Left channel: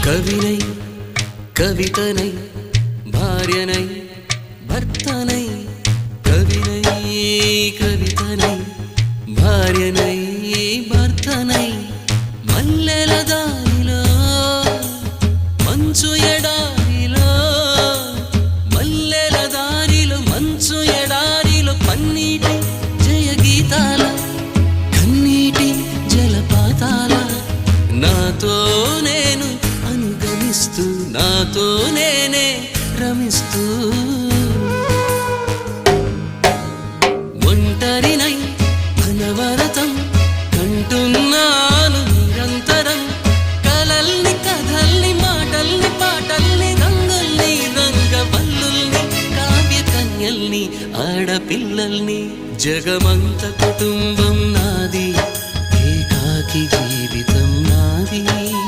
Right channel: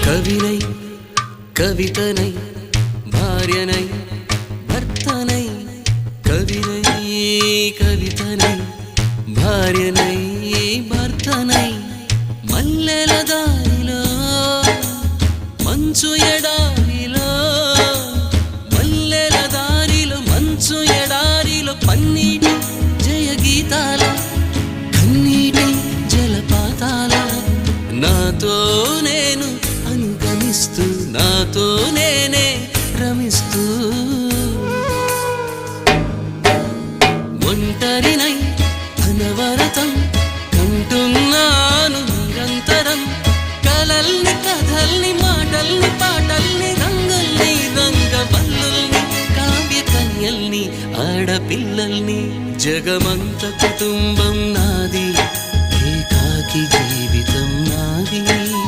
కవినై కవితనై భార్యనై భర్తనై కవినై కవితనై భార్యనై భర్తనై మల్లెల దారిలో మంచు ఎడారిలో మల్లెల దారిలో మంచు ఎడారిలో పన్నీటి జయ గీతాల కన్నీటి జలపాతాల నాతో నేను అనుగమిస్తూ నాతో నేనే రమిస్తూ ఒంటరినై అనవరతం కంటున్నాను నిరంతరం కలల్ని కథల్ని మాటల్ని పాటల్ని రంగుల్ని రంగవల్లుల్ని కావ్య కన్యల్ని ఆడపిల్లల్ని జగమంత కుటుంబం నాది ఏకాకి జీవితం నాది